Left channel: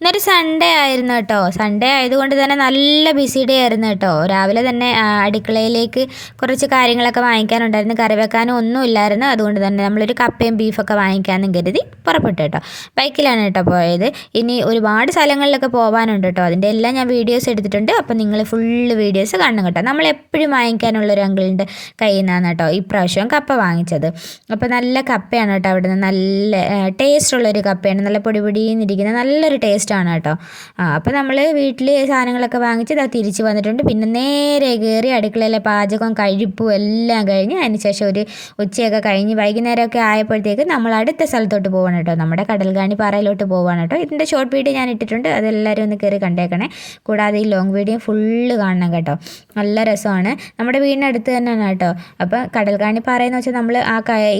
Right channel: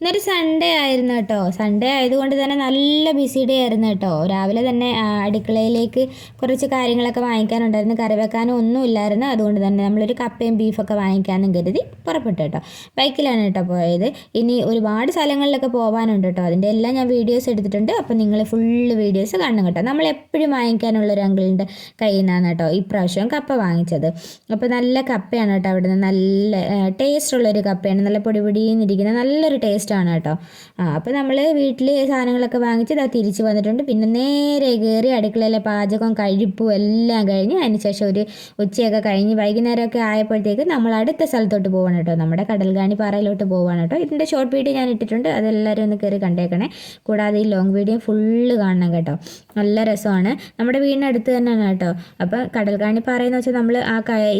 ഇന്നൊരു സൺഡേ ആയിരുന്നു കേട്ടോ. സൺഡേ ആയതുകൊണ്ട് തന്നെ നല്ല ബിസി ഡേ ആയിരുന്നു കേട്ടോ. രാവിലെ തന്നെ അടുക്കളയിലേക്ക് കുറച്ച് കാര്യങ്ങളൊക്കെ വാങ്ങിക്കാനുണ്ടായിരുന്നു. കറി വെക്കാനും ഒന്നും ഇല്ലായിരുന്നു. അതുകൊണ്ട് തന്നെ നമ്മളൊരു കപ്പയും ബീഫൊക്കെ വാങ്ങിക്കാമെന്നും കരുതി പുറപ്പെട്ടു കേട്ടോ. ബൈക്കിലാണ് കേട്ടോ പോയത്. ഇനി ഒരുപാട് സ്ഥലങ്ങളിലൊക്കെ പോകാനുണ്ട് കേട്ടോ. അതിന്റെ എല്ലാം ഞാൻ വീഡിയോസ് എടുത്തിട്ടുണ്ട്. അപ്പോൾ നിങ്ങൾ ഫുള്ള് വീഡിയോസ് കാണണം കേട്ടോ. നമ്മൾ എപ്പോഴും വാങ്ങിക്കാനുള്ള ഒരു അങ്കിളിന്റെ കയ്യിൽ നിന്നാണ് കേട്ടോ ഇപ്രാവശ്യം കപ്പ വാങ്ങിച്ചത്. അപ്പോൾ നല്ല കപ്പയാണ് കേട്ടോ അവിടെ നിന്ന് നല്ല ടേസ്റ്റ് ഉള്ളൊരു കപ്പയാണ്. നല്ല പൊടി പൊടിയെന്നിരിക്കുന്ന നല്ലൊരു ടേസ്റ്റാണ് കേട്ടോ. ആ അപ്പോൾ നമ്മൾ വീട്ടിൽ സാധനങ്ങളൊക്കെ വാങ്ങിച്ച് ഇതാ തിരിച്ച് വന്നിട്ടുണ്ട്. പിന്നെ നേരെ കയറി അടുക്കളയിലെ പാചകം കഴിപ്പും എല്ലാം കഴിഞ്ഞ് അതിന് ശേഷം ഒരു ഉച്ചയൊക്കെ കഴിഞ്ഞ് വൈകുന്നേരമൊക്കെ ആയപ്പോഴത്തേക്ക് നമ്മൾ അടുത്ത സ്ഥലത്തോട്ട് പോവാണ് കേട്ടോ. നമ്മുടെ കടൽഗാണി പാറയിലോട്ട് പോവാണ് കേട്ടോ. ഇതിന്റെ ഷോർട്ട് വീഡിയോ ഞാൻ ഇട്ടിട്ടുണ്ട്. അതെല്ലാവരും ഒന്ന് കയറി കണ്ടേക്കണേ. കൂടാതെ ഈ ലോങ് വീഡിയോ ഫുള്ള് കാണണം കേട്ടോ. നല്ല രസമാണ്. നമ്മുടെ വീടിനടുത്ത് തന്നെയാണ് കേട്ടോ. അപ്പോൾ കടൽഗാണി പാറയെന്ന് വെച്ചാൽ നമ്മൾ ആ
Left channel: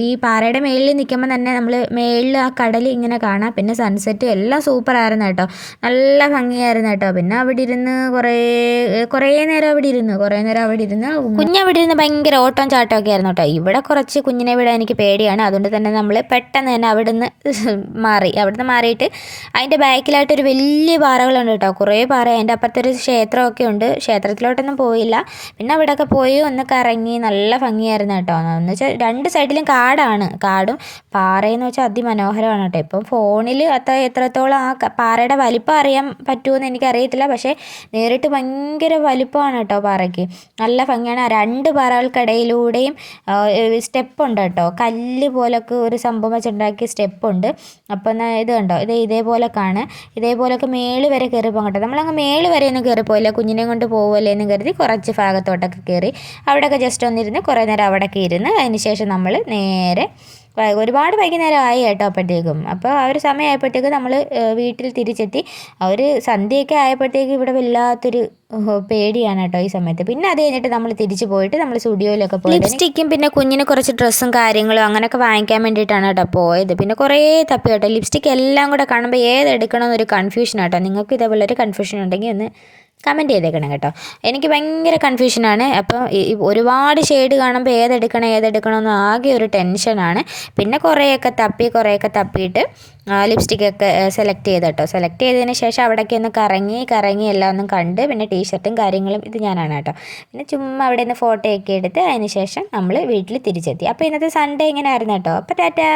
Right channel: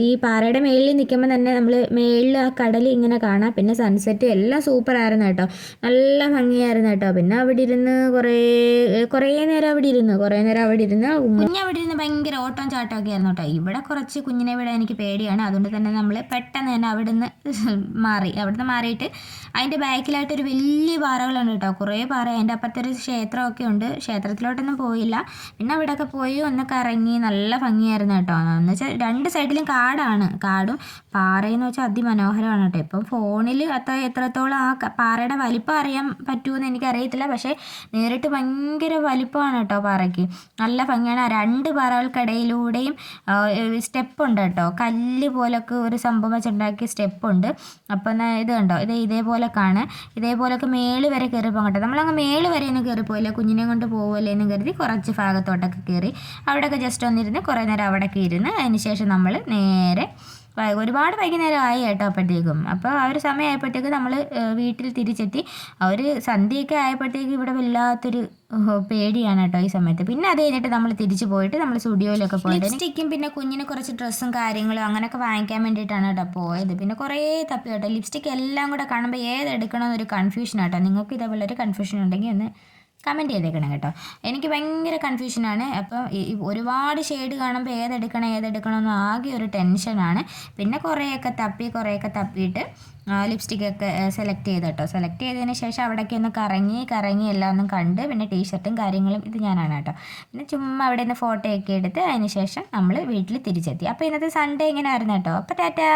ഈ പാറയുടെ മേളിൽ നിൽക്കുമ്പോൾ തന്നെ നമ്മൾ മേളിൽ ആ കടൽ ഇങ്ങനെ കാണാം. പിന്നെ സൺസെറ്റ് എല്ലാം സൂപ്പർ ആയിരുന്നു കേട്ടോ. നല്ല ഭംഗിയായിരുന്നു കേട്ടോ. പിന്നെ അവിടെ ഇരുന്ന് കുറേ കുറേ നേരം അവിടെ ഇരുന്നു കുറേ നേരം അവിടെ ഇരുന്ന് കുഞ്ഞവിടെ ഇരുന്ന് ഭയങ്കര ഓട്ടം ചാട്ടം ഒക്കെ ആയിരുന്നു കേട്ടോ. ഇവിടെ കുറച്ച് കുഞ്ഞിനെ വിടാൻ എനിക്ക് പേടിയാണ്. അതുകൊണ്ട് തന്നെ നമ്മൾ പെട്ടെന്ന് തന്നെ അവിടുന്ന് മാറി. അവിടുന്ന് മാറിയിട്ട് അതിന്റെ ബാക്കിലായിട്ട് ഒരു വലിയ പാറകളുണ്ട് കേട്ടോ. കുറേ പാറ. അതിന്റെ അപ്പുറത്തൊരു ക്ഷേത്രമൊക്കെ ഉണ്ട്. ക്ഷേത്രത്തിലോട്ടൊന്നും പോയില്ല. പിന്നെ അവിടെയൊക്കെ പോയി ഒന്ന് കറങ്ങി നല്ല ഭംഗിയായിരുന്നു കേട്ടോ. എന്ന് വെച്ചാൽ രണ്ട് സൈഡിലും കാടാണ്. കാടും പാറയെന്ന് വെച്ചാൽ അതിമനോഹരമാണ് കേട്ടോ. ഇപ്പം ഫോണിൽ അത്ര എത്രത്തോളം ആ ക- പാറയുടെ വലിപ്പം അറിയാൻ പറ്റുമെന്ന് എനിക്കറിയത്തില്ല. പക്ഷേ നേരിട്ട് ഭയങ്കര വലിപ്പമാണ് കേട്ടോ പാറയ്ക്ക്. നല്ല ഭംഗിയാണ്. ആ രണ്ട് പാറകൾക്കിടയിലൂടെയും സ്റ്റെപ്പ് ഉണ്ട് കേട്ടോ. കല്ല് പോലൊക്കെ ഒരു സംഭവം വെച്ചുണ്ടാക്കിയ സ്റ്റെപ്പ് ഉണ്ട് അപ്പോൾ എന്നാൽ ഇത് കണ്ടോ? ഇത് ഇതേപോലെ കാണുക ഇതേപോലൊക്കെ മേൾ വരെ കയറി പോകാം കേട്ടോ നമ്മളങ്ങ് മേൾ വരെ ഒന്നും കയറി പോയില്ല കുഞ്ഞിനെ കൊണ്ട് പോകുമല്ലേ എന്ന് കരുതി കുറച്ച് ഭാഗത്തോട്ടൊക്കെ കയറി അവിടെയൊക്കെ ജസ്റ്റ് ഒന്നിരുന്ന് കുറേ നേരം അവിടെ ഇരുന്ന് അതിന് ശേഷം നമ്മൾ നേരെ ഒരുപാട് വൈകുന്നേരം ആയി കേട്ടോ അപ്പോഴത്തേക്കും. അപ്പോൾ ആ ഒരു സമയമായപ്പോഴത്തേക്കും നമ്മൾ വീട്ടിൽ തിരിച്ചെത്തി. ആ ഒരു സന്ധ്യയൊക്കെ ആയപ്പോഴത്തേക്കും ഇവിടെ വല്ലാത്തൊരു പേടിയാണ് കേട്ടോ ഈ സമയത്ത്. പിന്നെ അത് കഴിഞ്ഞിട്ട് നമ്മൾ തിരിച്ചു പോയിട്ട് നമ്മൾ സ്റ്റുഡിയോയിലൊക്കെ പോയി ലിപ്സ്റ്റിക്കും പിന്നെ കുഞ്ഞിന് കുറച്ച് ഡ്രസ്സും കാര്യങ്ങളും അങ്ങനെയൊക്കെ വാങ്ങിക്കാൻ വേണ്ടിയിട്ടാണ് കേട്ടോ പോയത്. പിന്നെ കുറേ തപ്പി കേട്ടോ. ലിപ്സ്റ്റിക് എല്ലാം കൂടെ കാണുമ്പോൾ ഏത് എടുക്കണമെന്നൊരു കൺഫ്യൂഷൻ ആട്ടോ നിങ്ങൾക്ക് ഇതേപോലെ ഒരു കൺഫ്യൂഷൻ ഉണ്ടെങ്കിൽ ഒന്ന് കമന്റ് ചെയ്തേക്കണം കേട്ടോ. എനിക്ക് ഭയങ്കര കൺഫ്യൂഷനാണ്. അപ്പോൾ ഒരുപാട് ഷെയ്ഡ് കാണുമ്പോൾ ഏതെടുക്കണം ഏതെടുക്കണം എന്ന് ആകെ ഒരു ടെൻഷനാണ്. പിന്നെ കുറേയൊക്കെ തപ്പി കുറേയൊക്കെ തപ്പിയിട്ട് ലിപ്സ്റ്റിക്കൊക്കെ സെലക്ട് ചെയ്ത് കേട്ടോ. സെലക്ട് ചെയ്തതിന് ശേഷം അവിടേക്ക് ഒന്ന് കറങ്ങി കറങ്ങി എല്ലാം ഒന്നും കണ്ട് പിന്നെ ടീഷർട്ടും കാര്യങ്ങളും ഇത് ഞാനാണ് കേട്ടോ. പിന്നെ ചുമ്മാ അവിടെ നിന്ന് ഫോട്ടോയൊക്കെ എടുത്ത് അതിന് ശേഷം നമ്മൾ വീട്ടിൽ തിരിച്ചെത്തി. അപ്പോൾ ഇന്നത്തെ സൺഡേ ഇങ്ങനെ ആയിരുന്നു കേട്ടോ? അപ്പോൾ ടാറ്റാ.